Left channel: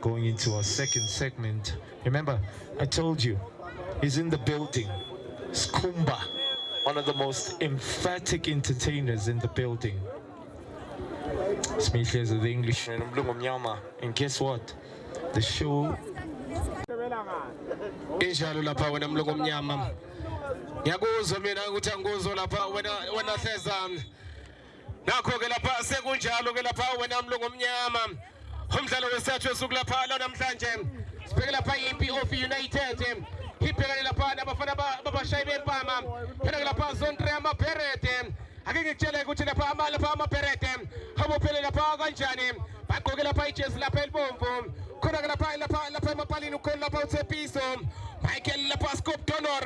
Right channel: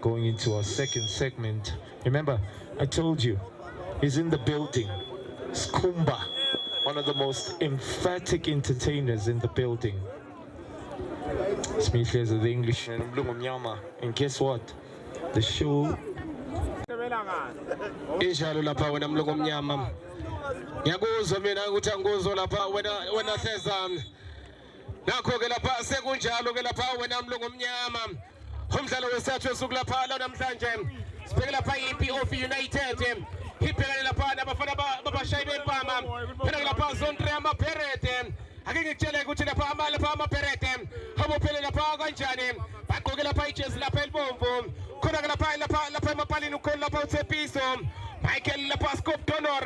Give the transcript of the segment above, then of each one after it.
going into our second segment. Remember, I told you, he's in the building. Skumba, one of the most emphatic entertainers in the building. Smith is the Englishman, and guess what? The show. Injalo lapha wena mlungu omnyama. Ngiyakuzwa mina ukuthi angikuzwa lapha wena hleza. Nakho ke lapha sekunjalo ke lapha wena mlungu omnyama. Umdlalo wesathu osuku lapha namhlanje. Sibheke lapha iPOF United. Ibhekane lapha nabafana babashayi bempama. Phela lapha Zone 3 amaPerete. Ake ngikutshele ukuthi lapha amaPerete. Abophele lapha kanjani? Bagqoke lapha ijezi lapha elibomvu. Khona lapha emapalini ukhona lapha uThepiso. Michael lapha Scope Donor.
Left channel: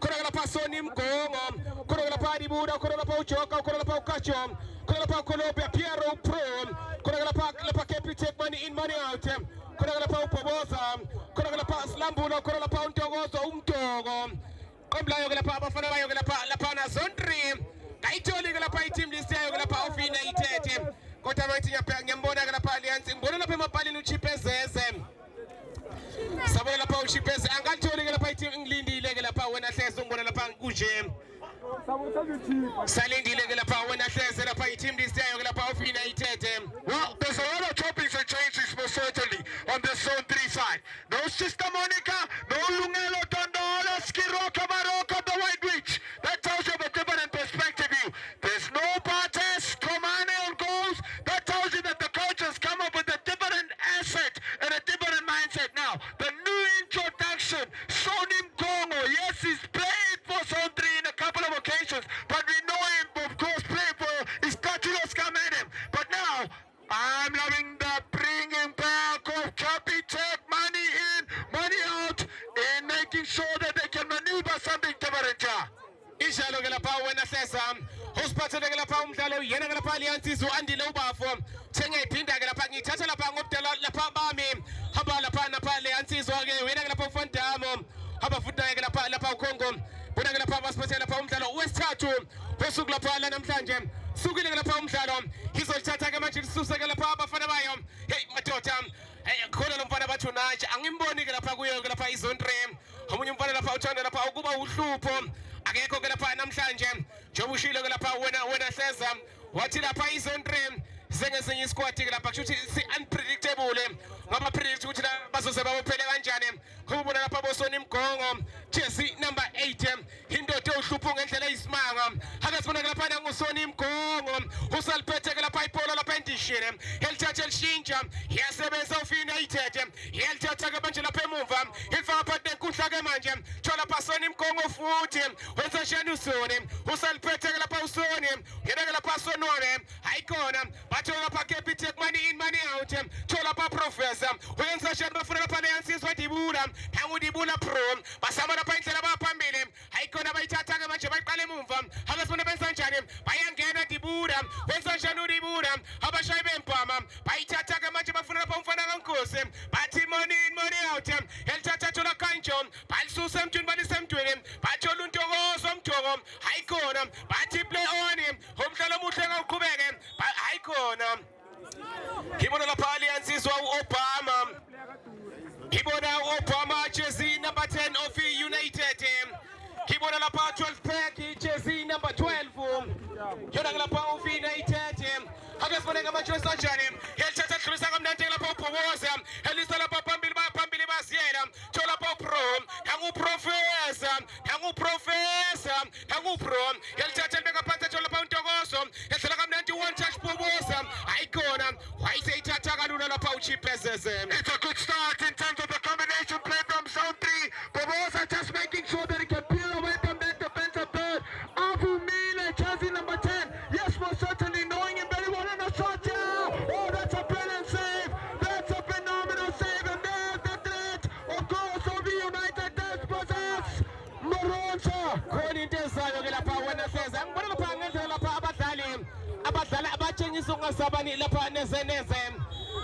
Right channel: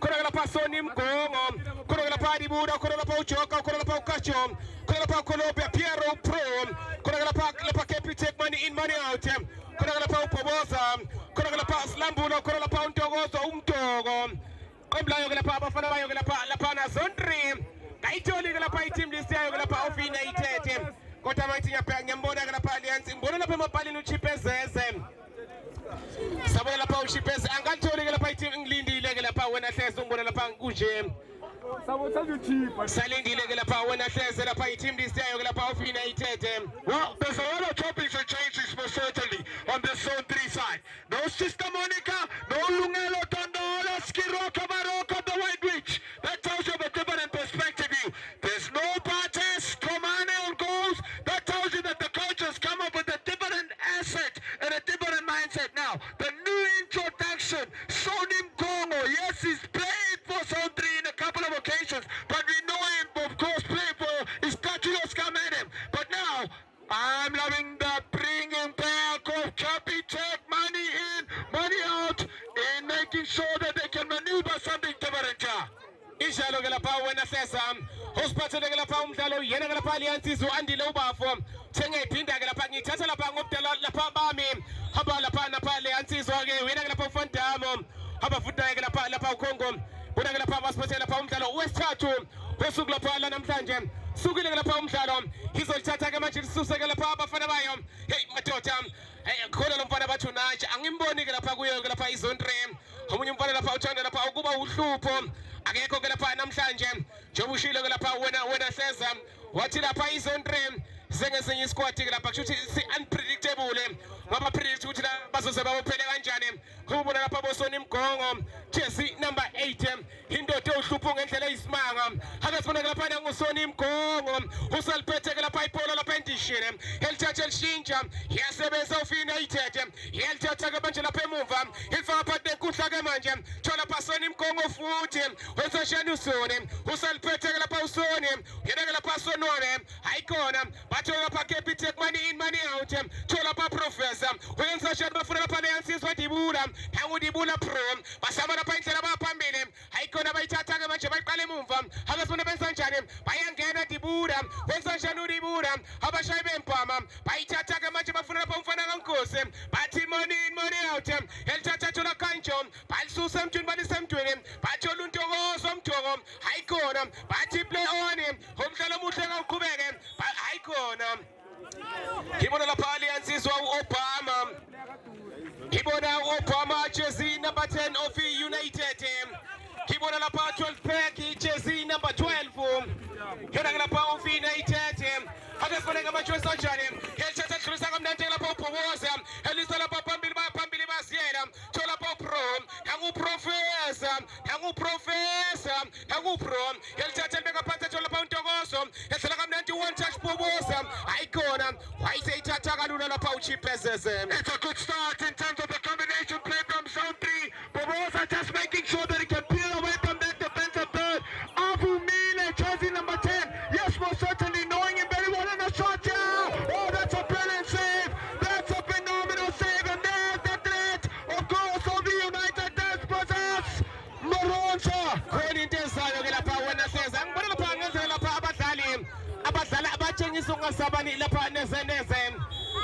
Khona lapha Soni Mgongo. Khona lapha Dibuda, khona lapha uJoka, khona lapha uKacho. Khona lapha Colombia Piero Pro. Khona lapha Capitec money in money out. Khona lapha uBhoboza. Khona lapha Slambula, khona lapha uNtokozo umDogo. Qomlayo lapha abafana bayo lapha na Zone 3. Kayitholi lapha i-team list yayo lapha of United. Kodwa bathi ngiyambona lapha Alliance. Ngibona lapha emapalini uChipezeze. Sabona lapha uChipezeze angatholi lapha i-team ngilindile lapha wena hleze ngibona lapha kunje. Salindile lapha wena hleze lapha i-team list yayo lapha of United. Well, there's a lot of topics and changes most certainly on the Zone 3 side. No Sister Monica, no Lungelo Tondola, Skiroka Maroko, the White Witch. That tells you a different perspective view. There's no Bartes, Komane on goals. That tells you that the coach has come up with a different asset and a different mindset now. The new introduction, Sonim Kongo. Yes, he's played for Zone 3 in a couple of occasions, but we know him, of course, play for Istatulos Kamedim. But now, I'm loving the bringing back of Capitec, money in, money out, and making sure that they can maneuver something different. Injalo lapha wena hleza. Usiphathele lapha umdlalo yena lapha Alliance uandile ubafo. Thenga iphinda lapha ngithatha lapha ngobudala lapha bami. Hamba lapha Alliance ke wena lapha uFondamo. Hamba futhi lapha uKongo. Bona lapha basiphathele lapha umdlalo wesithathu. Osuku lapha namhlanje. Sukile lapha umdlalo. Izolithatha ke manje lisuse lapha abafana bayo. Hey madoda. Hey khona lo mfana bathu nathi angimboni lapha kuyo lapha iZone 3. Omunye umfana lapha uthanda lapha ukuba uhlupho. Akekho ke lapha namhlanje njengoba ushilo ke lapha wena hleza wathi lapha iZone 3 sengesenye isquad ke lapha kusho ukuthi si unpredictable ngaba predict ukuthi bazoze babophele kanjani kubona lapha bosoni Mgongo jersey number 8 indoda ohlupho ngendlela eyisimanga ake sibona ke lapha ngusoni Mgongo usaliphethe ke lapha ipola lapha endishini elithatha elishintsha yasebenza of United yelithatha ke manje lapha emuva ifaka phakathi enkundla ke manje thola lapha Soni Mgongo futhi wenza shani usoni usaliphethe ke lapha usoni yena ke lapha sonone ayikona bathola lapha Capitec money in money out thola lapha Professor wenza shani bafuna lapha leyansizwa Dibula nangu Dibula Pro basama lapha indlela baphambili ayikona bayithatha ke manje bayiqala emuva akasibona benza njani bayangena Dibula wenza shani uDibula abashayi bempama bayithatha ke manje bafuna lapha umfana kaNkosi bathi money in money out elithatha thola kanjo balisusa emthweni balisemthweni bathola uNtokozo umthoko ayikona bathi play on umdlalo omuhle ngaqhubeke ayikona ibona lapha Alliance uObama ibona uObama jersey number 10 of United ibona lapha 12 pack jersey number 12 yona lapha of United akasibona ngamajersey kanjani elithatha Khulisa kamnandi lapha uBhoboza elisa lapha phambili basiyela thola lapha Pro nangu Pro elithatha libeka phansi thola lapha uNtokozo edlala kamnandi one touch Bhoboza ayikona wayiseyithatha kalula lapha uChipezeze. It's a good start in terms of the combination play from Zone 3. Bhoboza just making sure that he can peel away from that defensive third. Avumile, jersey number 10. Yes, most certainly, knowing him very well in the shot down. Oh, that's a brilliant save. That's a phenomenal save. And there's the threat of goals of the United Despotas. Moronsa. Khona into ezayo ke lapha wena hleza ngibona lapha ngenzela lapha abadlali abatshengisa ungasabani lapha nezeneze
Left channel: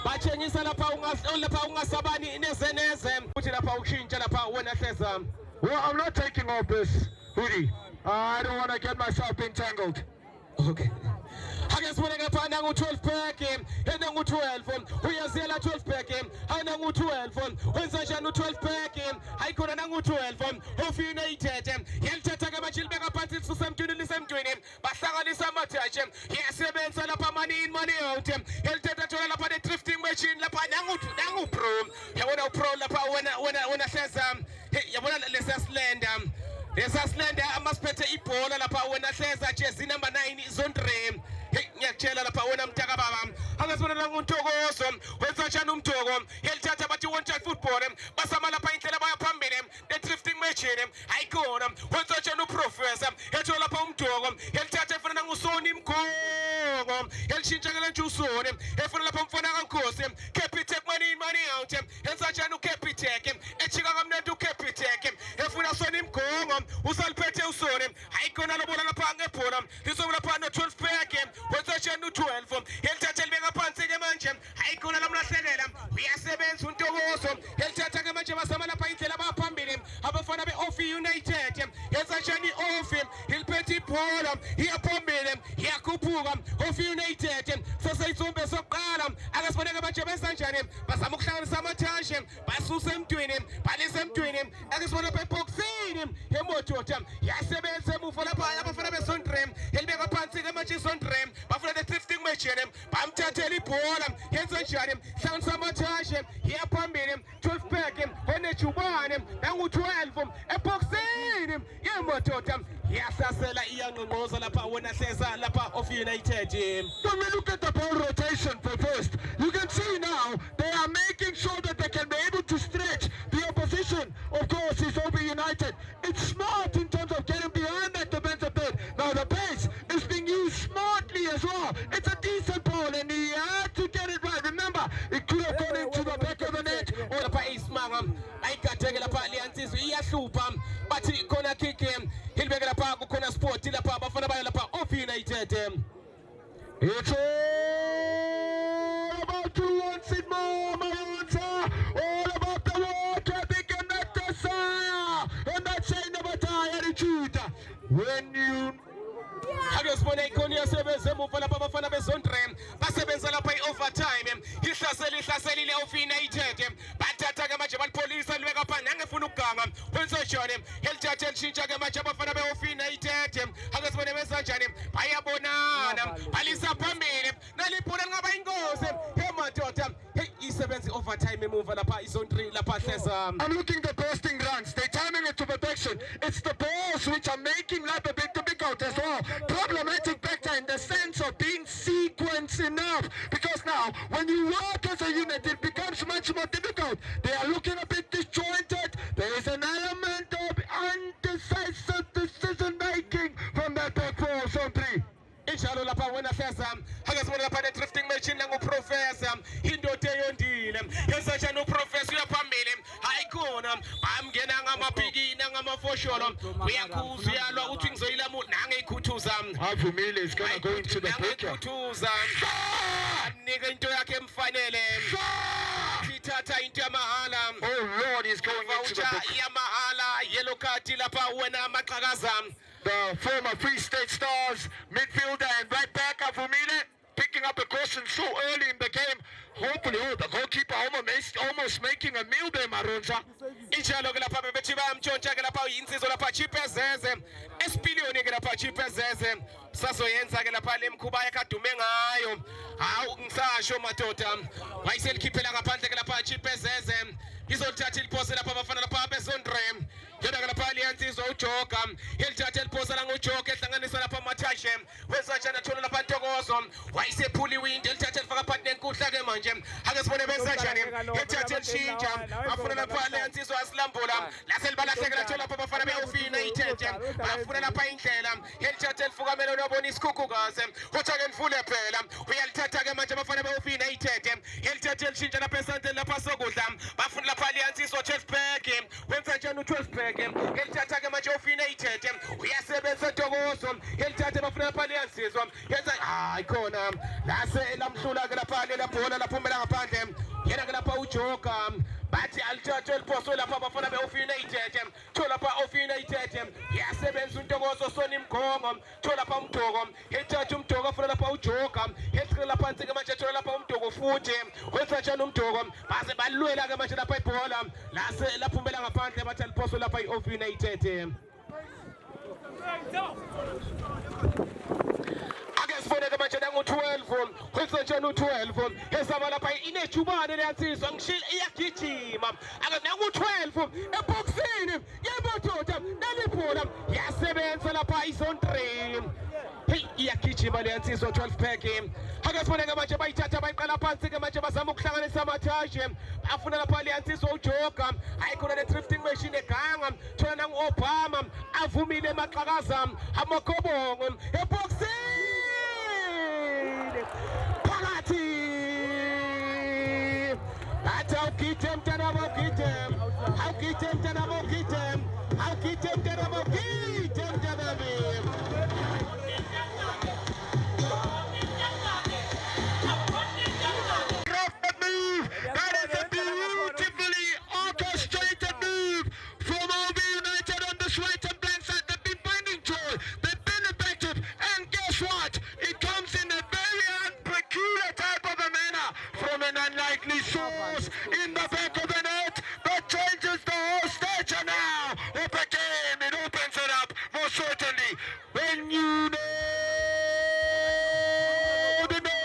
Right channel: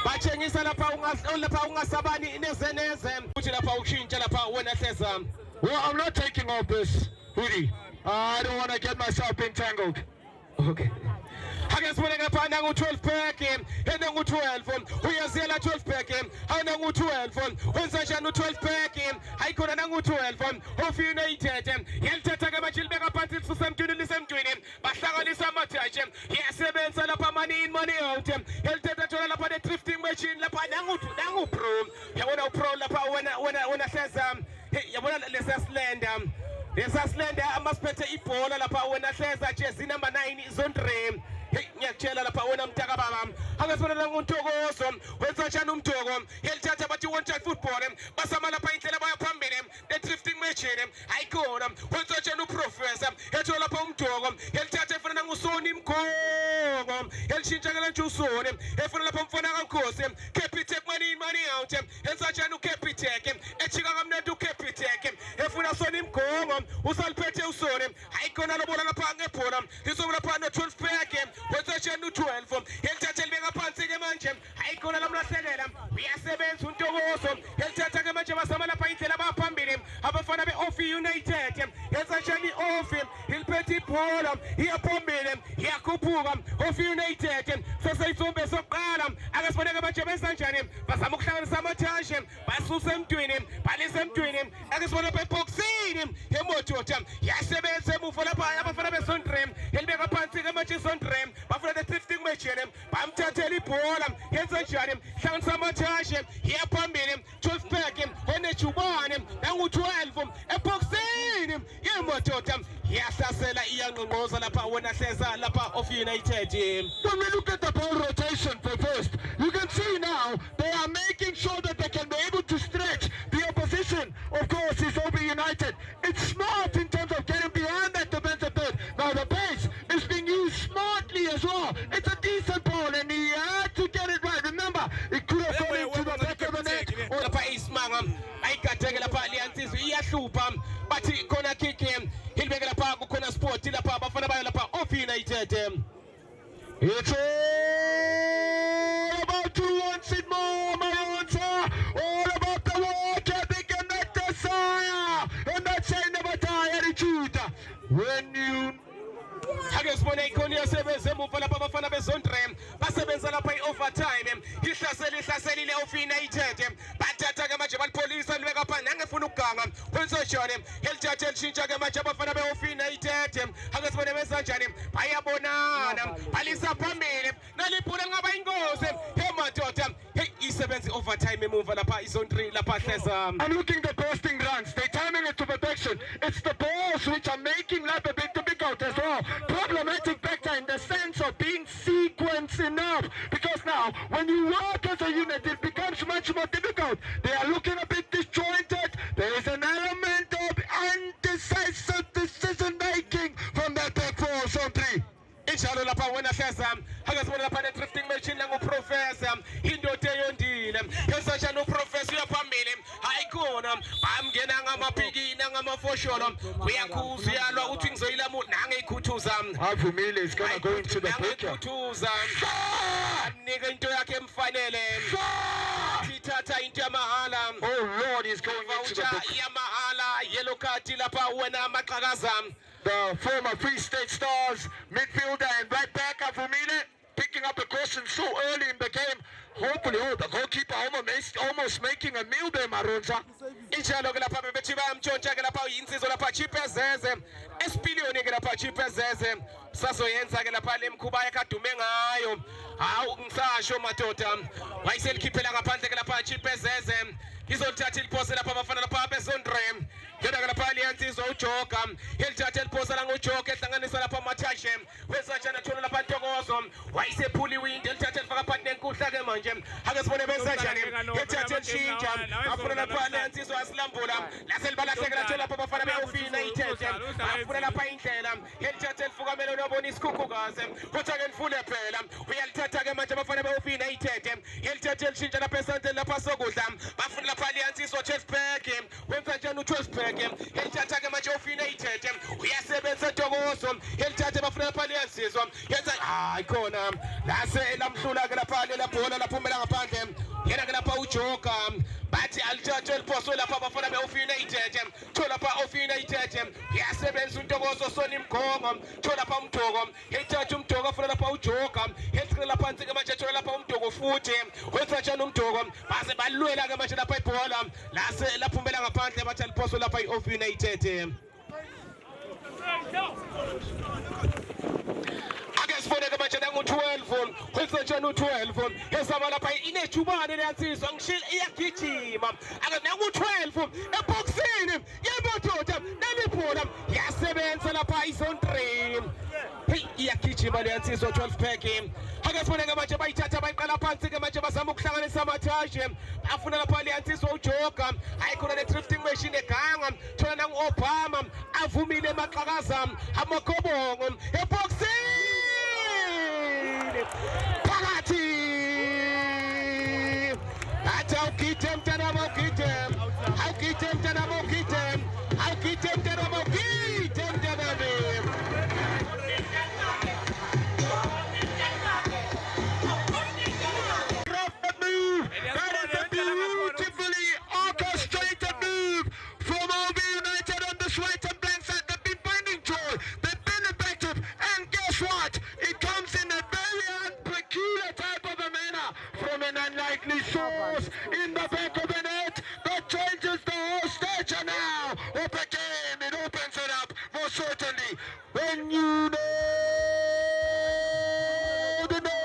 batshengisa lapha ungasabani nezeneze uthi lapha ukushintsha lapha wena hleza. Well, I'm not taking off this hoodie. I don't want to get myself entangled. Okay. ake sibone ke lapha nangu-12 pack enangu-12 uyazela 12 pack anangu-12 wenza njani u-12 pack hayi khona nangu-12 of United yalithatha ke manje libeka phansi lisusa emntwini lisemntwini bahlanganisa amathashi yasebenza lapha money in money out yalithatha thola lapha ne-drifting machine lapha nangu-pro yabona u-pro lapha wena hleza yabona lesa slender amasiphethe ibhola lapha wena hleza jersey number 9 Zondre ngiyakutshela lapha wena mtaka baba angasibona nanguntokozo wenza njani umtoko yalithatha bathi one-time football basama lapha indlela baya phambili ne-drifting machine ayikhona wenza njani uprofessor ethola lapha umtoko yalithatha efana nangusoni mgongo yalishintsha ke nje usoni efana lapha mfana kaNkosi Capitec money out yenza njani uCapitec echika kamnandi uCapitec efuna soni mgongo usaliphethe usoni ayikhona lobola lapha ngebhola lizoba lapha no-12 pack wenza njani u-12 yalithatha libeka phansi ke manje ayikhona lamlahlekela uyasebenza untokozo yalithatha ke manje basama lapha indlela baphambili abafana be-Of United yenza njani i-Of iliphethe ibhola iyaphambili iyakhuphuka Of United sesayisombe sokuqala akasiboneke manje benza njani bazama ukuhlanganisa amathashi basusa emntwini balisa emntwini akasibona lapha ebhoksini emotota yasebenza emuva lapha abafana beSondre elibeka phansi ke manje iSondre bafuna the-drifting machine bamthathela ibhola yenza njani hlanganisa amathashi iyaphambili 12 pack onejubane nangu-12 ebhoksini yemotoda yahlasela iyangqongqoza lapha wena hleza lapha Of United. When we look at the ball rotation for first, you can see now they are making sure that they can be able to stretch the opposition. Of course, is Of United. It's smart in terms of getting behind that defensive third. Now the pace is being used smartly as well. It's a decent ball and he had to get it right. Remember, it could have gone into the back of the net. Lapha isimanga ayikhatheke lapha liyansizwa iyahlupha bathi khona kick ilibeke lapha kukhona sport lapha abafana bayo lapha Of United. It's all about who wants it more, Mayonza. All about the water, big and that desire. And that sign of a tie attitude. When you ake sibone ikhona iyasebenza emuva lapha abafana beZondre basebenza lapha i-overtime ihlaselile Of United bathatha ke manje balipholisa libeka phansi nangefuna ukuganga wenza njani yalithatha elishintsha ke manje abafana be-Of United ake sibone benza njani bayabonana balisa phambili nalibhola lingaba ingozi emadoda isebenza i-overtime emuva lapha iZondre lapha hleza. I'm looking at the bursting runs. They're timing it to perfection. It's the balls which are making life a bit difficult as well. Problematic factor in the sense of being sequenced enough. Because now, when you work as a unit, it becomes much more difficult. They are looking a bit disjointed. There is an element of undecisive decision making from that back four, Sondre. Injalo lapha wena hleza akasibona lapha ne-drifting machine nanguprofessor indoda eyondile yenza njani uprofessor uyaphambili hayikhona bamngena ngamapiki nangamafosholo uyakhuziyalwa uthi ngizoyilamu nangeyikhuthuza Avumile is going to go into the picture. nangeyikhuthuza amnika into yakhe emfanele sithatha into yamahala. Oh Lord, he's going into the picture. yamahala yellow card lapha wena maqhakaza. The former Free State Stars midfielder and right back Avumile picking up a caution so early in the game. Hopefully, the goalkeeper almost making a meal there, Maronza. Injalo ke lapha bebethi bayamtshontsha ke lapha yinsizwa lapha Chipezeze esipiliyoni ke lapha Chipezeze sazoyenza ke lapha lemkhuba yakadume ngayo hawu ngisasho madoda wayiselikhiphela ngaphandle ke lapha Chipezeze izothatha iliphose lapha abafana lapha beZondre yona ke lapha liyansizwa uJoga yelithatha iliphose la ngoJoga ehlanganisa lapha amathashe wenza njani athola lapha Ntokozo wayisephula iwindi elithatha elifaka phakathi nenkuhla ke manje ake sibone benza njani yelithatha elishintsha afuna lapha liyansizwa asilambula laselibalahleke lathola lapha abafana be-Of United bafuna lapha indlela yelithatha elifukamela unobona isikhukhukazi kodwa ke mfule phela uyalithatha ke manje abafana be-Of United yelithatha elishintsha lapha esandleni lapha sokudla bafuna lapha liyansizwa 12 pack wenza njani u-12 pack yelithatha ke manje Of United uyasebenza Ntokozo yelithatha bafuna lapha liyansizwa yenza ayikhona lase lamhlula ke lapha le bhola laphumela ngaphandle yena ke lapha uJoka bathi alithathe liphoswe lapha abafana beOfinated thola lapha Ofinated yasebenza uNtokozo Soni Mgongo thola lapha uMdoko ethatha uMdoko afuna lapha uJoka esikela phansi ke manje thola lapha uMdoko futhi wethatha uMdoko base balwela ke manje lapha ibhola lase laphumela ngaphandle bathi liphoswe lapha iOfinated Sfoneke manje nangu-12 kwisetsheni u-12 esaba lapha inejubane leyansizwa ngishilo iyagijima ake nangu-12 ebhokisini yebododa nalibhola yasebenza lapha izone 3 hey iyagijima leyansizwa 12 pack ake Sfoneke manje bayithatha bayiqala phansi-ke manje bazama ukuhlanganisa amathashi afuna lapha leyansizwa uJoka ayikhona ne-drifting machine eganga thola nangu-Obama avumile emaqhakaza amakobongo ebhokisini phakathi athi awugide mntanami awugide mntanami awugide mntanami That is a beautifully orchestrated move from OB United on this right and blank side. They've been finding joy, they've been effective, and guess what? It comes in a very peculiar type of a manner from an unlikely source in the back of the net that changes the whole stature now of the game. It opens it up more certainly when you know the know.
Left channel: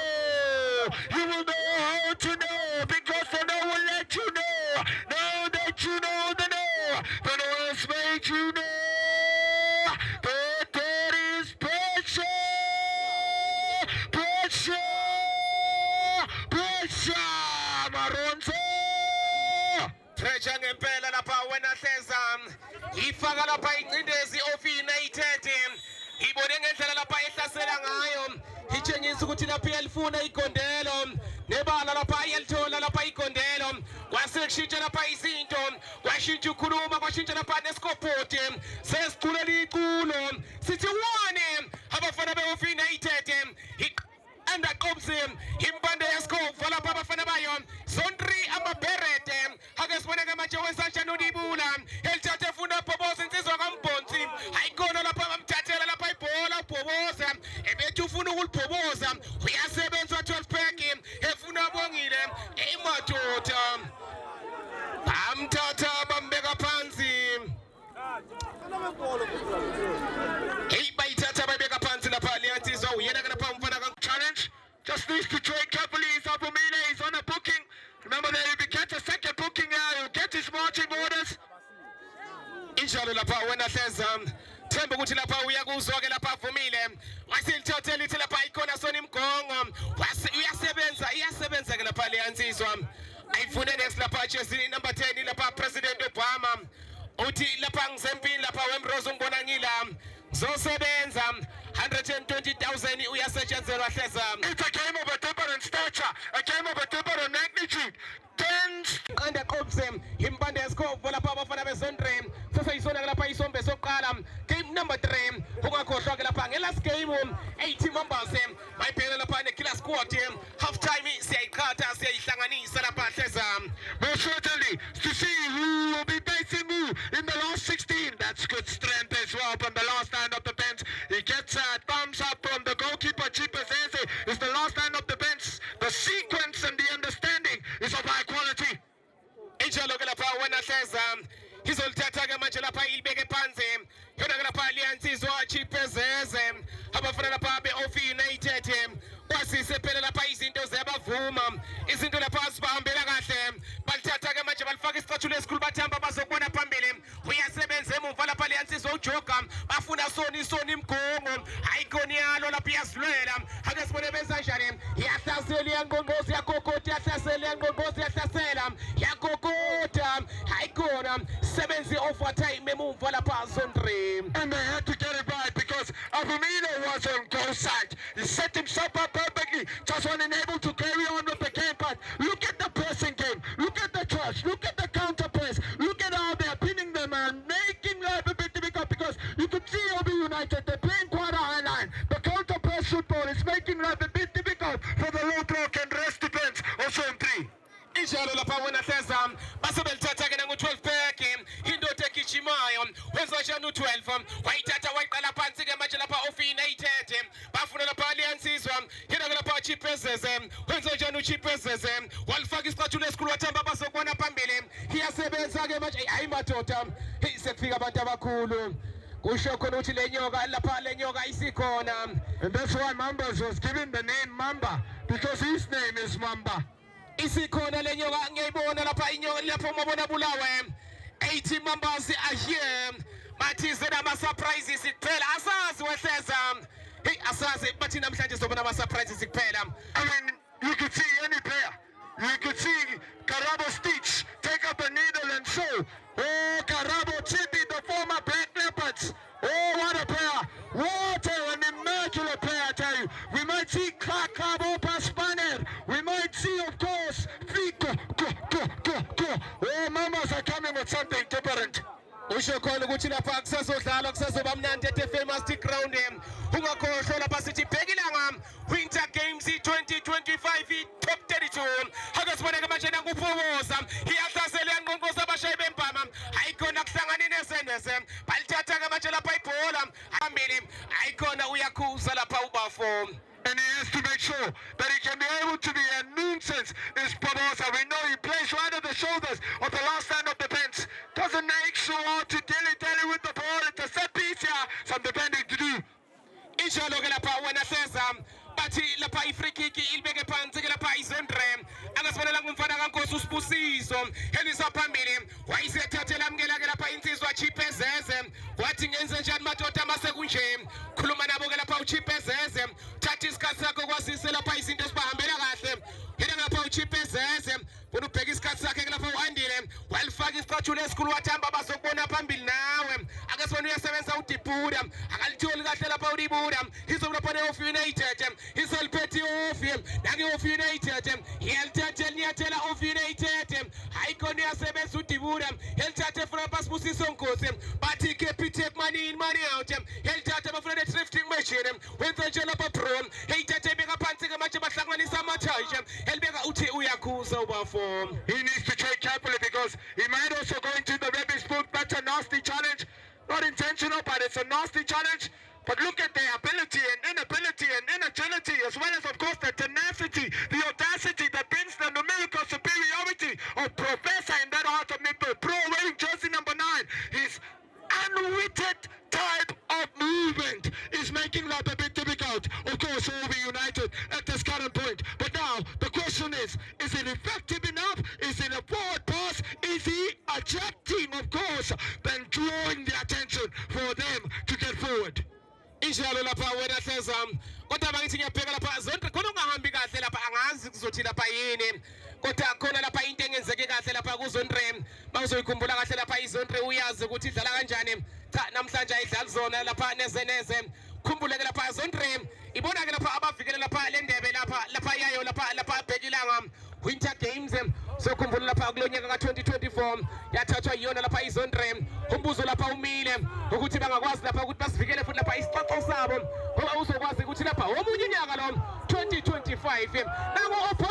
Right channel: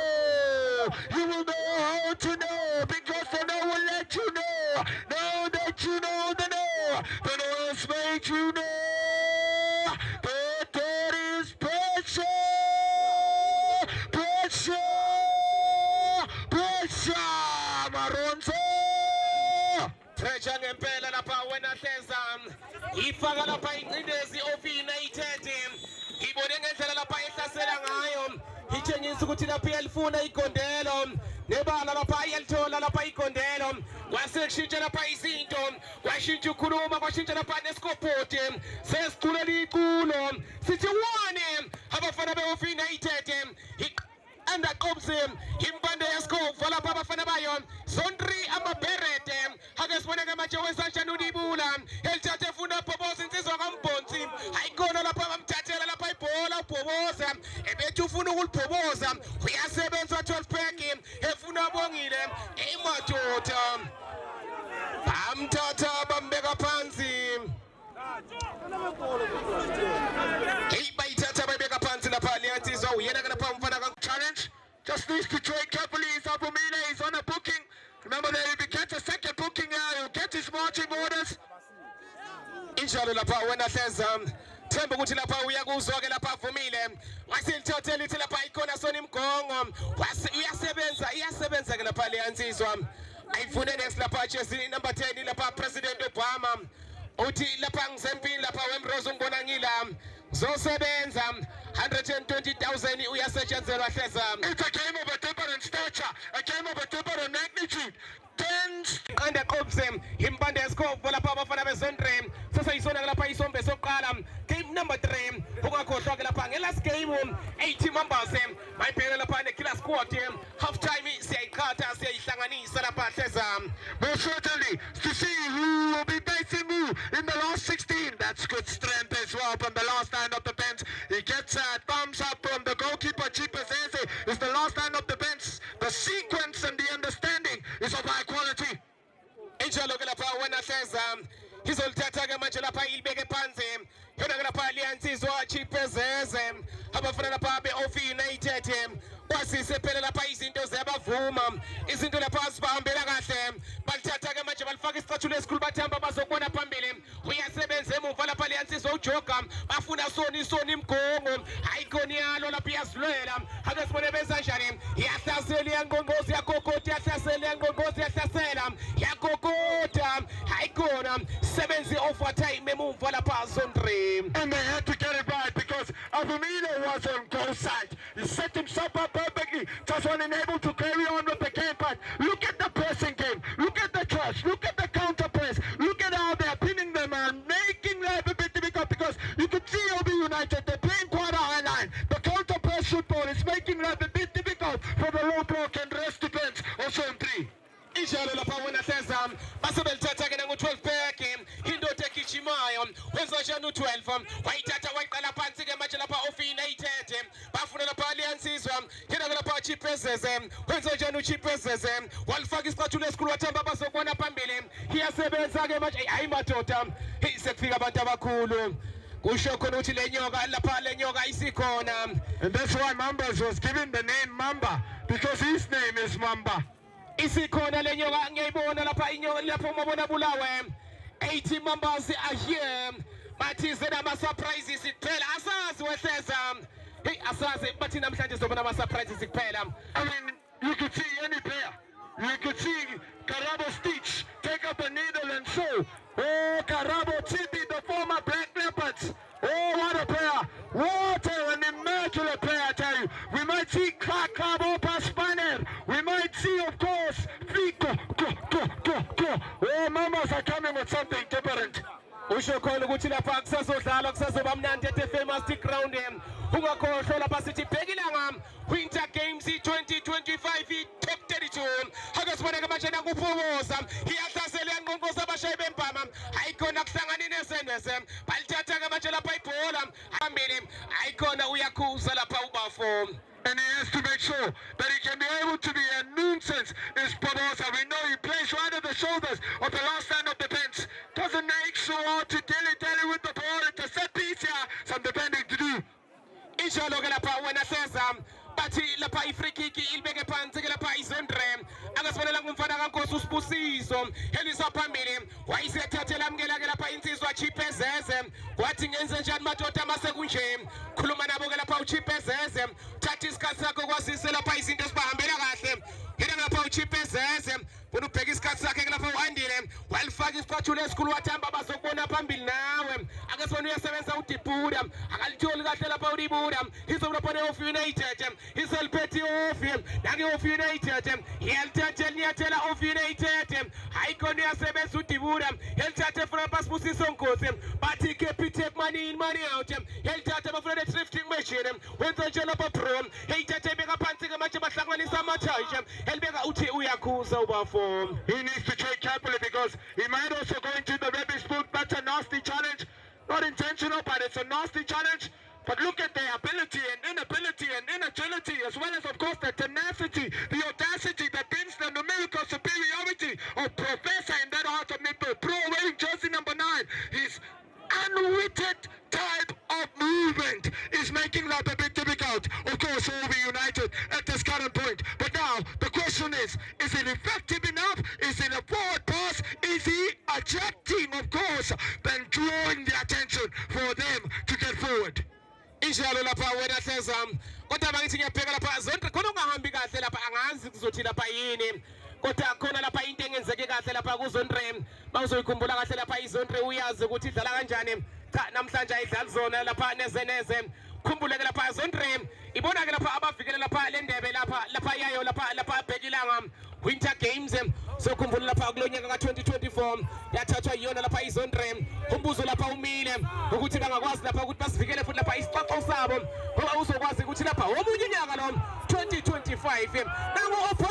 You will know how to know because the know will let you know. Now that you know the know has made you know that there is pressure. Maronzo Treasure ngempela lapha wena hleza ifaka lapha incindezi Ofinated ibone ngendlela lapha ehlasela ngayo itshengisa ukuthi lapha iyalifuna igondelo nebala lapha iyalithola lapha igondelo kwasekushintsha lapha izinto kwashintsha ukhuluma kwashintsha lapha nesikopoti sesiculela iculo sithi wone abafana beOfinated anda qobse impande yesikova lapha abafana bayo Sondri amabherede ake siboneke manje wesanjani udibula elithathe funa Bhoboza insizwa kaMbonzi ayikona lapha bamthathela lapha ibhola uBhoboza ebethi ufuna ukulibhoboza uyasebenza 12 pack efuna Bongile emadoda bamthatha bambeka phansi hey bayithatha bayibeka phansi lapha leyansizwa uyena ke lapha umfana challenge. Just needs to trade carefully. Avumile is on a booking. Remember that if he gets a second booking, he'll get his marching orders. injalo lapha wena hleza themba ukuthi lapha uyakuzwa ke lapha Avumile wasilithothela ithi lapha ikhona Soni Mgongo iyasebenza ke lapha leyansizwa ayifune next lapha jersey number 10 lapha President Obama uthi lapha ngisempini lapha wemrozo ngibona ngila zosebenza 120,000 uyasetshenzelwa hleza. It's a game of a different stature, a game of a different magnitude. Qanda qobse impande yesikhovo lapha abafana bezondre sesayisona lapha isombe soqala game number 3 ungakhohlwa ke lapha ngelast game 80 members bayibhekela lapha nekiller squad half time siyayiqhatha siyayihlanganisa lapha hleza. Most certainly to see who will be facing who in the last 16. That's good strength as well from the last line of the bench. He gets a thumbs up from the goalkeeper. Chipa Zeze is the last line of the bench. The sequence and the understanding is of high quality. Injalo ke lapha wena hleza izolithatha ke manje lapha ilibeke phansi yona ke lapha liyansizwa Chipa Zeze abafana lapha beOfinated kwasise phela lapha izinto ziyabavuma izinto lapha sibahambela kahle balithatha ke manje balifaka isicathulo esikhulu bathamba bazokubona phambili uyasebenza emuva lapha liyansizwa uJoga bafuna Soni Mgongo ayikonialo lapha iyazilwela ake sibone bezanjani iyahlasela iyangqongqoza yakokota iyahlasela iyangqongqoza iyahlasela yakokota ayikona sebenzi overtime emuva lapha Sondre and they had to get it right because Avumile was on goal side. He set himself up perfectly, just wasn't able to carry on with the game part. Look at the pressing game, look at the charge, look at the counter press, look at how they're pinning them and making life a bit difficult because you could see OB United, they're playing quite a high line. The counter press football is making life a bit zone 3. Injalo lapha wena seza basebelithatha ke nangu-12 back indoda egijimayo wenza njani u-12 wayithatha wayiqala phansi ke manje lapha ofi-United bafuna lapha aliyansizwa yena ke lapha Chipezeze wenza njani uChipezeze walifaka isicathulo esikhulu wathamba bazokubona phambili iyasebenza ke manje hayi madoda sekufika abantu abakhulu kusho khona ukuthi le nyoka lapha le nyoka isikhona, And that's why Mambas was given the name Mamba, because his name is Mamba. isikhona le nyoka ngiyayibona lapha inyoka lapha umabona bulawe 80 members are here bathi zena ama surprises kuphela asazi weseza hey asazi bathi namhlanje sobona ama surprises kuphela. I mean, you could see any player. You could see Karabo Stitch take up a needle and sew. Oh, Karabo Chibi, the former Black Leopards. Oh, what a player. What an immaculate player, I tell you. We might see Clark Karabo Paspaner. We might see, of course, Fico. Oh, mamas are coming with something different. Usho khona ukuthi lapha kusazodlala kusazoba mnandi at famous ground ungakhohlwa lapha sithi bhekilanga Winter Games 2025 top 32 akasiboneke manje nakuphokoza iyahlasela yanqonqoza abashayi bempama ayikhona kuhlangana nesenese balithatha ke manje lapha ibhola phambili ayikhona uyakhuza lapha ubafo. And he has to make sure that he can be able to be a nuisance is Barbosa. We know he plays right at the shoulders of the last stand of defense. Doesn't make sure to dilly-dally with the ball. It's a set piece here, some defending to do. Injalo ke lapha wena seza bathi lapha i-free kick ilibeke phansi ke lapha izendre akasibonela ngumfana kaNkosi uSibusiso elisa phambili wayisethathela amkela ke lapha insizwa Chipezeze wathi ngenze njani madoda mase kunje khuluma nabo ke lapha uChipezeze thatha isikhathi sakho kwazise lapha izinto esibahambela kahle yena lapha uChipezeze bona ubheka isikhathi sakhe ke lapha uandile walifaka isicathulo esikhulu wathamba bazokubona phambili nawe akasibona uyasebenza uDibuda akalitholi kahle lapha uDibuda izobona ofi-United iseliphethe ofi nake ofi-United iyalithatha liyathela ofi-United hayikhona uyasebenza uDibuda elithathe funa Sibusiso Nkosi bathi keep take money in money out elithathe bafuna the-thrifting machine wenza nje lapha bro eyithathe ibeka phansi ke manje bahlanganisa amathayi elibeka uthi uyakhuza ubafo. He needs to trade carefully because he might also go into the rubbish boot. That's a nasty challenge. Not intentional, but it's a nasty challenge. But look at their ability and inability and inagility, as well as, of course, the tenacity, the audacity that brings the numerical superiority of Professor in that heart of midfield. Pro wearing jersey number 9. His unwitted type of movement is making that a bit difficult. Of course, all be united at this current point. But now, the question is it effective enough? Is it a forward pass? Is he attracting, of course, then drawing the attention for them to get forward? Injalo lapha wena seza kodwa bangithi ngiyabheka lapha zonke khona ungahambi kahle lapha angazi kuzothi lapha yini kodwa khona lapha into engenzeke kahle lapha kuzondre bawuzoyikhumbula kahle lapha izondre uyazi ukuthi idlala kanjani cha namhlanje ayidlali zona lapha nezeneze khumbuleke lapha zondre ibona ke lapha abavikele lapha le ndebe lapha yayo lapha bhekilanga Winter Games so khumbula lapha kulonyaka ka2024 yathathwa yiyona lapha izondre umbuzo lapha umile ukuthi bangakwazi lapha ukuthi basivikele futhi lapha isixoxo sabo ngoba uzokwazi ukuthi lapha omunye unyaka lo 2025 nangu opha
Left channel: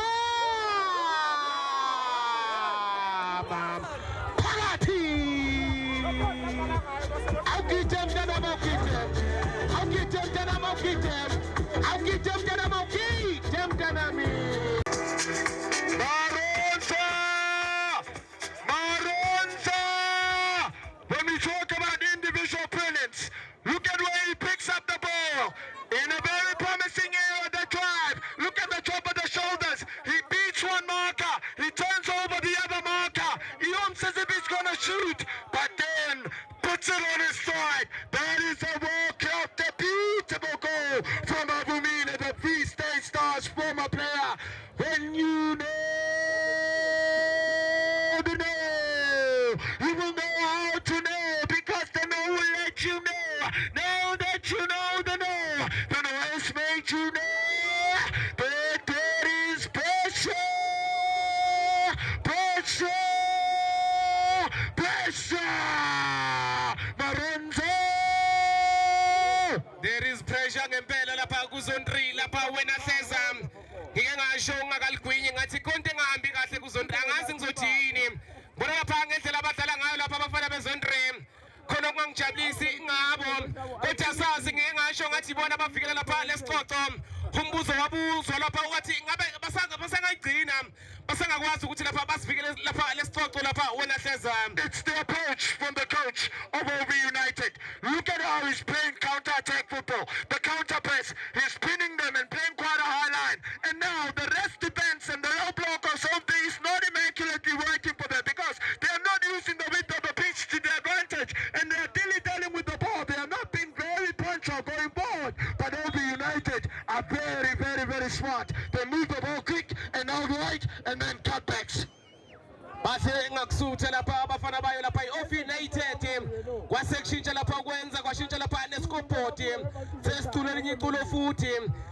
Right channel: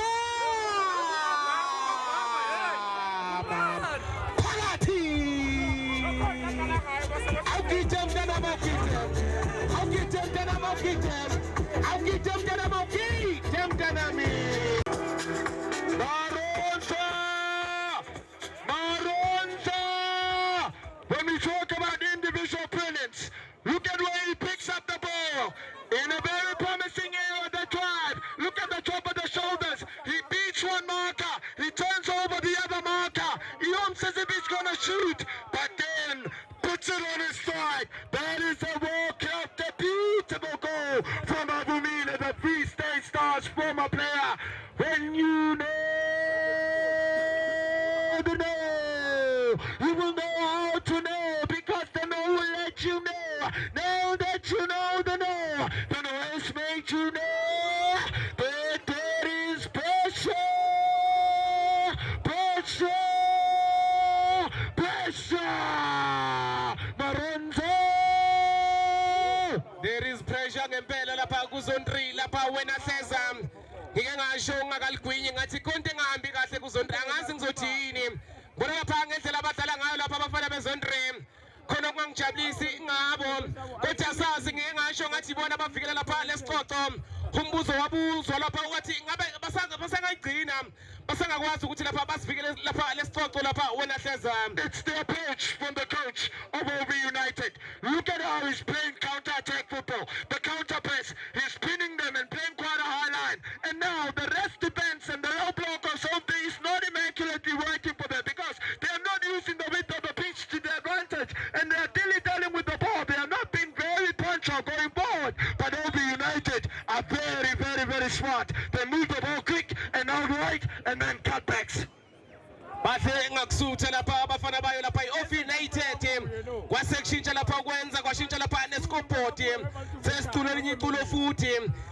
phakathi awugidem mntana awugidem mntana mi Maronza! When we talk about individual brilliance, look at where he picks up the ball. In a very promising area of the drive. Look at the top of the shoulders. He beats one marker. He turns over the other marker. He almost as if he's going to shoot, but then puts it on his side. That is a World Cup debutable goal from Avumila, the Free State Stars former player. When you know the know, you will know how to know, because the know will let you know. Now that you know the know has made you know that there is pressure. Maronza! There is pressure ngempela lapha kuzondri lapha wena seza ngike ngasho ngakaligwinye ngathi konke bona lapha ngendlela abadlala ngayo lapha abafana bezone 3 khona okungangijabulisi ngabo kodwa sazi ngeke ngasho ngathi bona abavikela lapha lesicoco umbuzo wabuzwa lapha ukuthi ngabe basangayigcina basangakwazi ukuthi lapha basivikele lapha lesicoco lapha wena hleza. It's the approach from the coach of OB United. Look at how he's playing counter-attack football. The counter-press, he's spinning them and playing quite a high line. And now the rest depends, and the low block or something is not immaculately working for them because they are not using the width of the pitch to their advantage, and they are dilly-dallying with the ball. They are not being very punctual going forward. But OB United are very, very, very smart. They move the ball quick and outright, and then cutbacks. Bathe ngakusutha lapha abafana bayo lapha iOF United kwasekushintsha lapha ukwenza kwashintsha lapha nescoreboard sesithulo elinye iculo futhi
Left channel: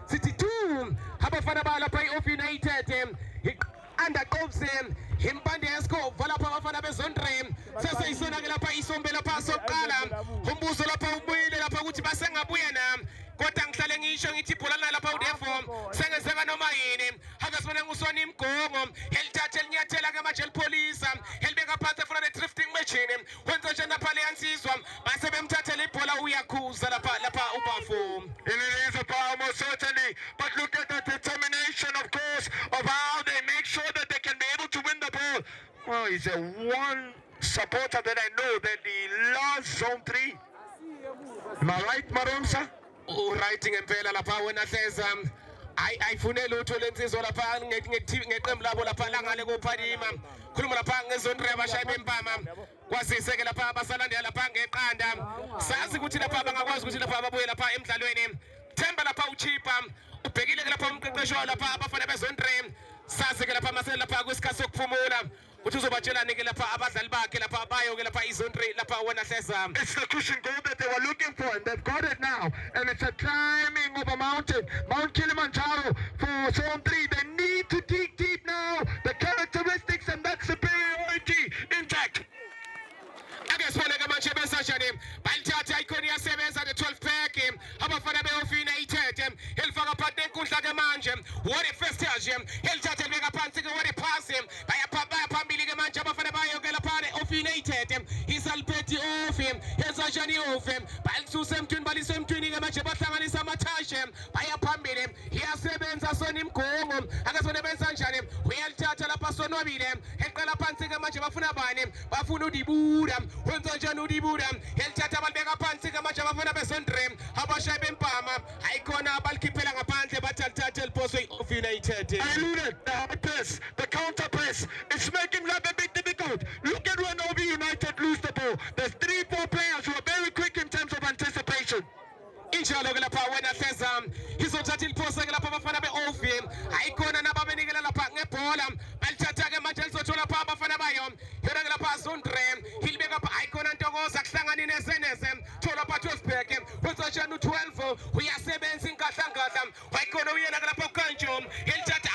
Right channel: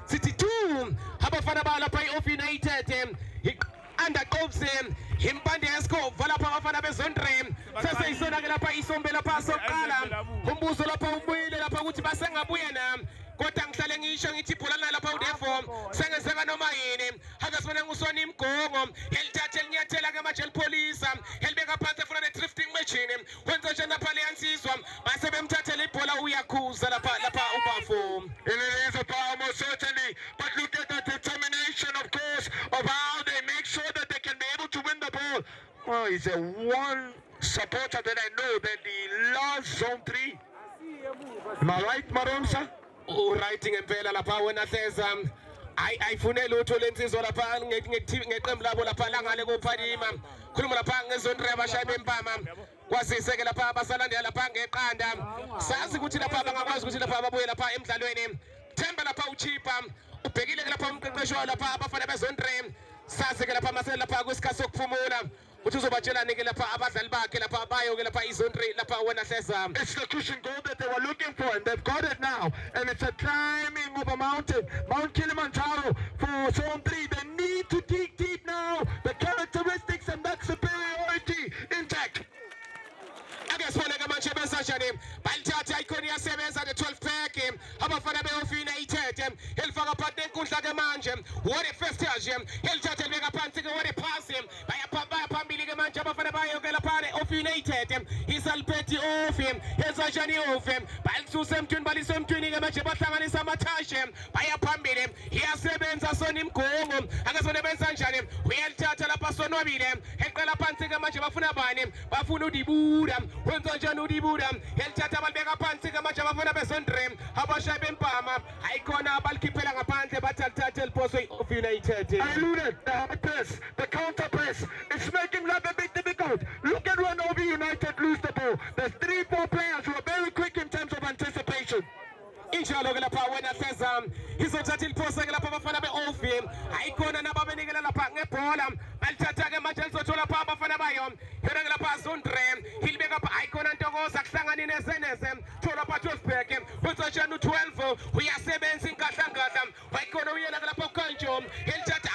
sithi 2 abafana bayo lapha iOF United andaqobse impande yeskhova lapha abafana bezone 3 sase isona ke lapha isombe lapha soqala umbuzo lapha ubuyile lapha ukuthi basengabuya na kodwa ngihlale ngisho ngithi ibhola lapha udefo sengezeka noma yini akasibona ngusona imgongo elithathe elinyathela ke manje elipolisa elibeka phansi efuna ne-drifting machine wenza nje lapha leyansizwa base bemthathela ibhola uyakhuza lapha ubafo. It is a power most certainly, but look at the determination, of course, of how they make sure that they can be able to win the ball. Well, is there one supporter that I know that he loves zone 3? Am I right, Maromsa? Writing ngempela lapha wena hleza ayifunela utho lensizwa lapha ngeqembu labo lapha la ngale koPhalima khuluma lapha ngezone 3 abashaya bempama kwazise ke lapha abasalandela lapha ngeqanda sazi ukuthi lapha bangakwazi ukuthi lapha babuye lapha emidlalweni Themba lapha uchipa ubhekile ke lapha umqeqesho lapha abafana bezone 3 sazi ke lapha masele lapha kwesikhathi sokuphumula uthi uzobatshelani ke lapha abadlali bakhe lapha bayo ke lapha izone 3 lapha wena hleza. It's the cushion goal that they were looking for, and they've got it now. And it's a climbing of a mountain, Mount Kilimanjaro for zone 3. They need to dig deep now. The characteristics and that superiority intact. Akesibona ke manje besashane balithatha icon yasebenza the 12 pack abafana beOF United elifaka phansi enkundla ke manje what a first touch elithatha libeka phansi ke what a pass baya phambili ke manje abafana bayo ke lapha eOF United isalpeti off ezashani off balisusa emthweni balisa emthweni ke manje bahlanganisa amathashe baya phambili iyasebenza sona imgongo akasona benza njani uyalithatha lapha sonwabile eqala phansi ke manje bafuna bani bafuna uDibuda wenza njani uDibuda elithatha balibeka phansi ke manje abafana bezone 3 abashaya bempama ayikhona abalikhiphela ngaphandle bathatha eliphoswe iOF United. I alluded the high press, the counter press. It's making life a bit difficult. Look at when OB United lose the ball. There's 3-4 players who are very quick in terms of anticipation. Injalo ke lapha wena hleza izothatha iliphosa ke lapha abafana beOF ayikhona nababenikela lapha ngebhola balithatha ke manje lizothola lapha abafana bayo yona ke lapha zone 3 ilibeka lapha ayikhona Ntokoza kuhlangana nezeneze thola lapha Tosberg wenza njani u12 uyasebenza ingadla wayikhona uyena ke lapha uKanjo elithatha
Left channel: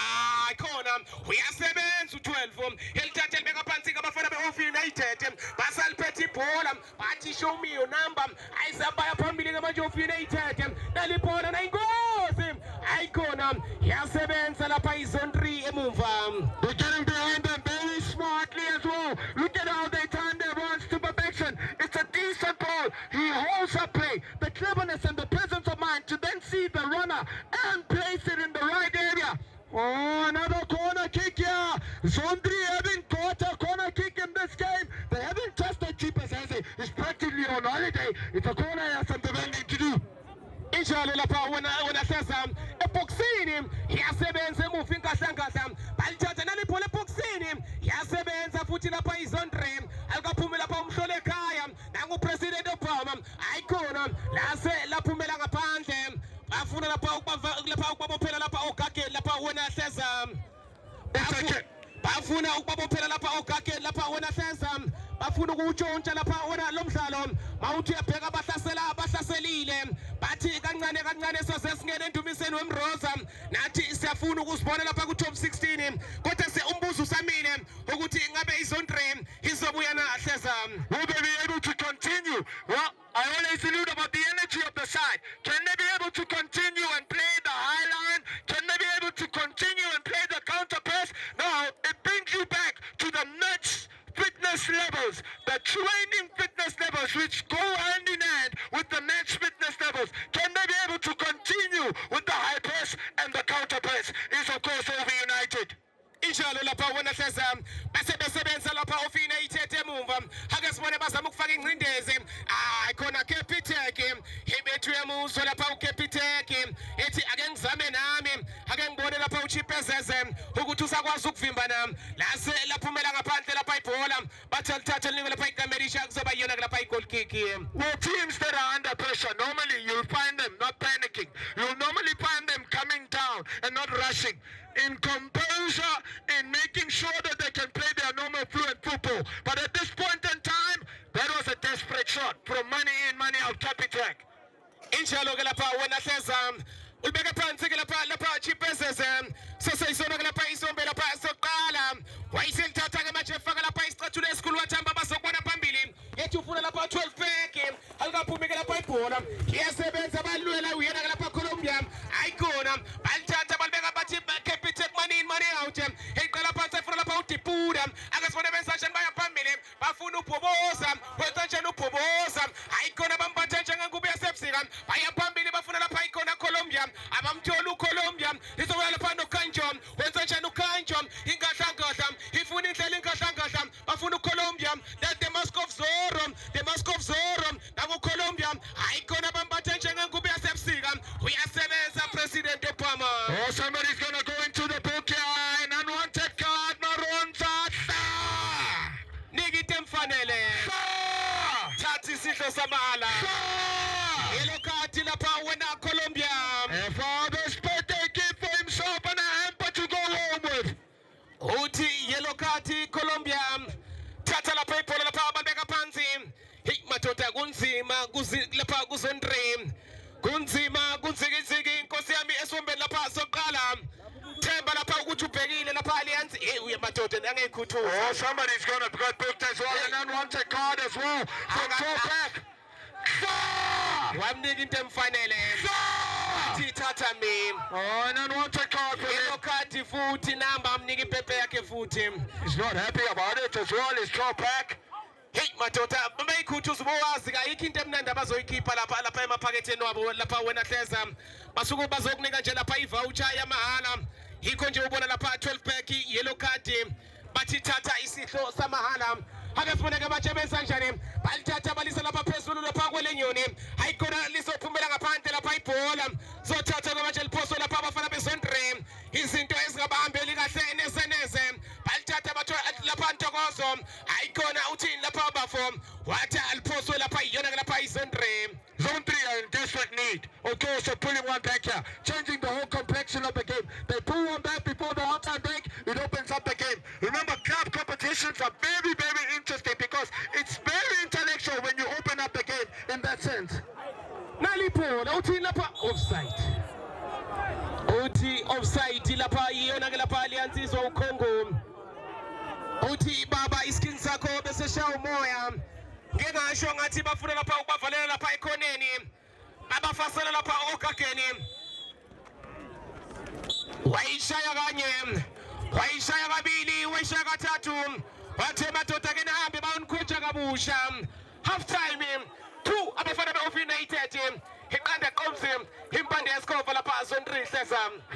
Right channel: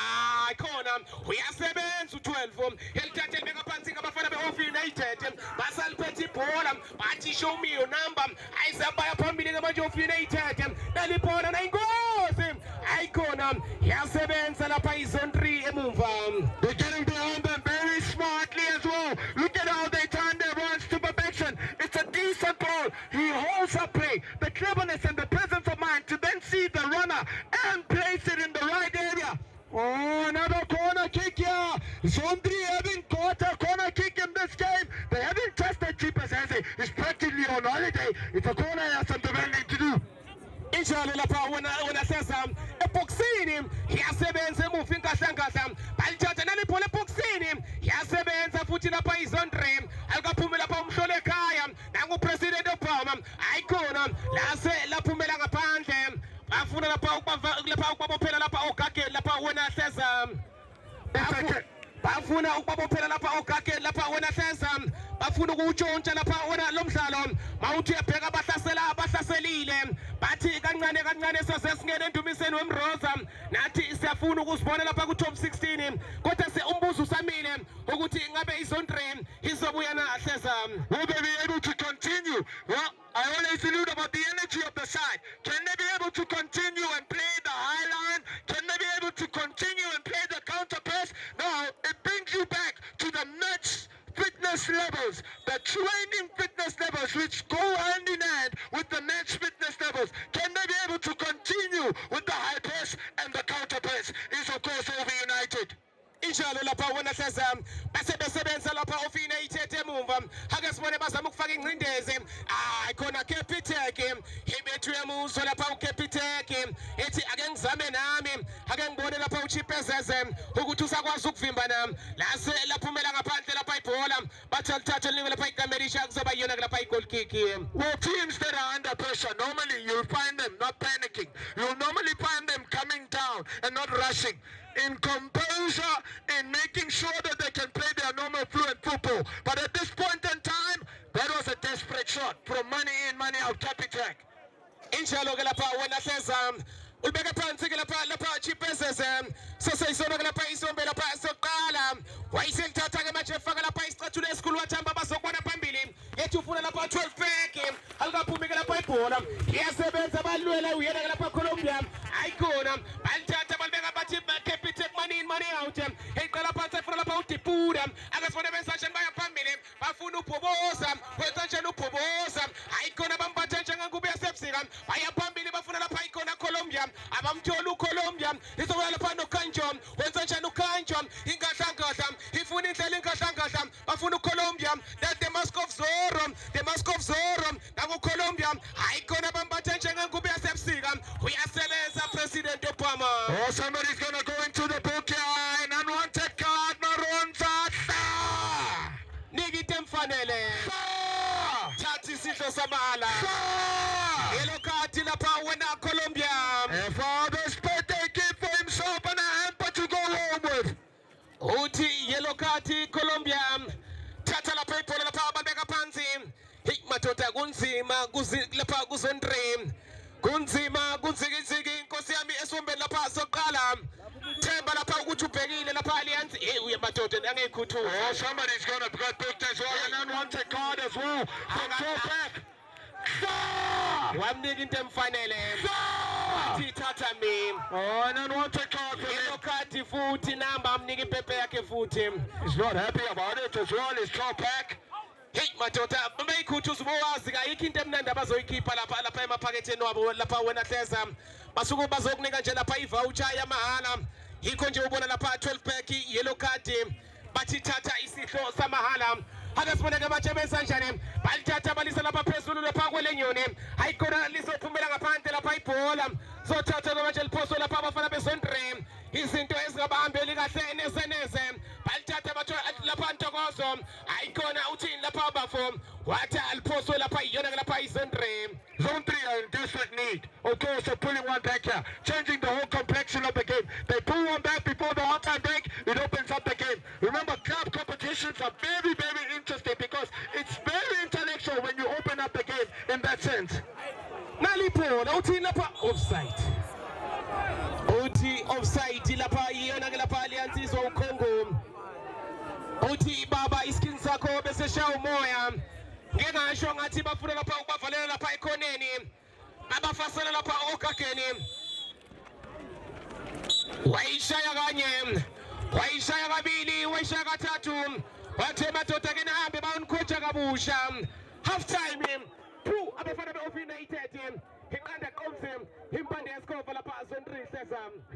ayikhona uyasebenza u12 elithatha libeka phansi ke abafana beOF United basaliphethe ibhola bathi show me your number ayisabaya phambili ke manje OF United naliphola nayingozi ayikhona yasebenza lapha izone 3 emumva. They're getting behind them very smartly as well. Look at how they turn their runs to perfection. It's a decent ball. He holds up play, the cleverness and the presence of mind to then see the runner and place it in the right area. Oh, another corner kick here. Zone 3 having caught a corner kick in this game. They haven't tested Chipas as it's practically on holiday. It's a corner he has some defending to do. Injalo lapha wena hleza eboxini yasebenza emuva inkahlangahla balithatha naliphola eboxini yasebenza futhi lapha izone 3 ayikaphumi lapha umhlolo ekhaya nangupresident Obama ayikhona laphumela ngaphandle bafuna lapha ukubabophela lapha ogageni lapha wena hleza bafuna ukubabophela lapha ogageni lapha wena hleza bafuna ukutshontsha lapha wena lo mdlalo mawuthi uyabheka abahlaselile bathi kancane sasesingene endumiseni wemroza nathi siyafuna ukusibona lapha ku top 16 kodwa umbuzo usamile ukuthi ngabe izone 3 izobuya na hleza. Will they be able to continue? Well, I always allude about the energy of the side. Can they be able to continue and play the high line? Can they be able to continue and play the counter press? Now, it brings you back to the nuts, fitness, fitness levels, the training fitness levels, which go hand in hand with the match fitness levels, can they be able to continue with the high press and the counter press, is of course OV United. injalo lapha wena seza bese besebenza lapha ofina ithethe emumva ake sibone bazama ukufaka ingcindezi khona Capitec ibethu yemuzwa lapha uCapitec ethi ake ngizame nami ake ngibone lapha uChipezeze ukuthi usakwazi ukuvimba nami lase laphumela ngaphandle lapha ibhola bathi alithatha liningi lapha iCamerisha kuzoba yona lapha igoal kick. Well, teams that are under pressure, normally you'll find them not panicking. You'll normally find them coming down and not rushing. In composure, in making sure that they can play their normal fluent football. But at this point in time, that was a desperate shot from money in, money out, Capitec. Injalo ke lapha wena seza ulibeka phansi ke lapha Chipezeze sesayisona ke lapha isombe lapha soqala wayiselithatha ke manje efaka lapha isicathulo esikhulu wathamba bazokubona phambili ethi ufuna lapha 12 pack alikaphumi ke lapha ibhola iyasebenza balwela uyena ke lapha Colombia ayikhona balithatha balibeka bathi Capitec money out eqala phansi efuna lapha uDipuda akasibone benza njani baya phambili bafuna ubhoboza wenza njani ubhoboza ayikhona bambathe njengengube yasebusika baya phambili bafuna lapha ikhona Colombia abamthola uColombia lizobuya lapha noKanjo wenza njani uKanjo ingahlangahla ifuna indlela ingahlangahla bafuna uColombia that the mask of Zorro nakuColombia ayikhona bambathe njengengube yasebusika uyasebenza president Obama. Oh, somebody's gonna go into the book here, an unwanted card, Maronza. Nikite mfanele thathi isihlo samala yellow card lapha wena Colombia. And Father Spade taking for himself and a hamper to go home with. Uthi yellow card Colombia thatha lapha ibhola lapha babeka phansi madoda kunzima lapha kuzondre kunzima kunzikiziki inkosi yami esombeni lapha soqala themba lapha ukuthi ubhekile lapha Alliance uye madoda angeyikhuthuza. Oh, somebody's gonna get booked as well, an unwanted card as well from Topek. Wamnika into emfanele thi thatha mina. Oh, an unwanted card for Yellow him. card futhi namba amnika ipepe yakhe futhi. He's not happy about it as well, it's Topek. Hey madoda bayikhuthuza ubowazi ayikho into emnandi abazoyikhipha lapha emaphaketheni wabo lapha wena hleza basuku bazokunika nje lapha ivoucher yamahala yikho nje ubona lapha 12 pack yellow card bathi thatha isihlo samahala ake sibone ke batshe benza njani balithatha balisa lapha phezulu lapha kwelenyoni ayikhona lizophumela ngaphandle lapha ibhola zothatha ke manje liphoso lapha abafana bezondre izinto ezingabahambeli kahle neze balithatha batho lapha Ntokozo ayikhona uthini lapha abafo wathi aliphoso lapha iyona lapha izondre. Zone 3 are in desperate need. Okay, so pulling one back here, changing the whole complexion of the game. They pull one back before the halftime break, it opens up the game. Remember, club competitions are very, very interesting because it's very intellectual when you open up the game in that sense. Naliphola uthini lapha offside. Uthi offside lapha iyona lapha Alliance izwa uKhongo. Uthi baba iskin sakho bese shaya umoya ngengasho ngathi bafuna lapha ukubavalela lapha ekhoneni babafasela lapha ogageni wayishaya kanye wayishaya kabili wayishaya kathathu wathe madoda ke nahambe bayonikocha kabusha half time 2 abafana beOV United iqanda qomzi impande yesikova lapha Zone 3 hleza.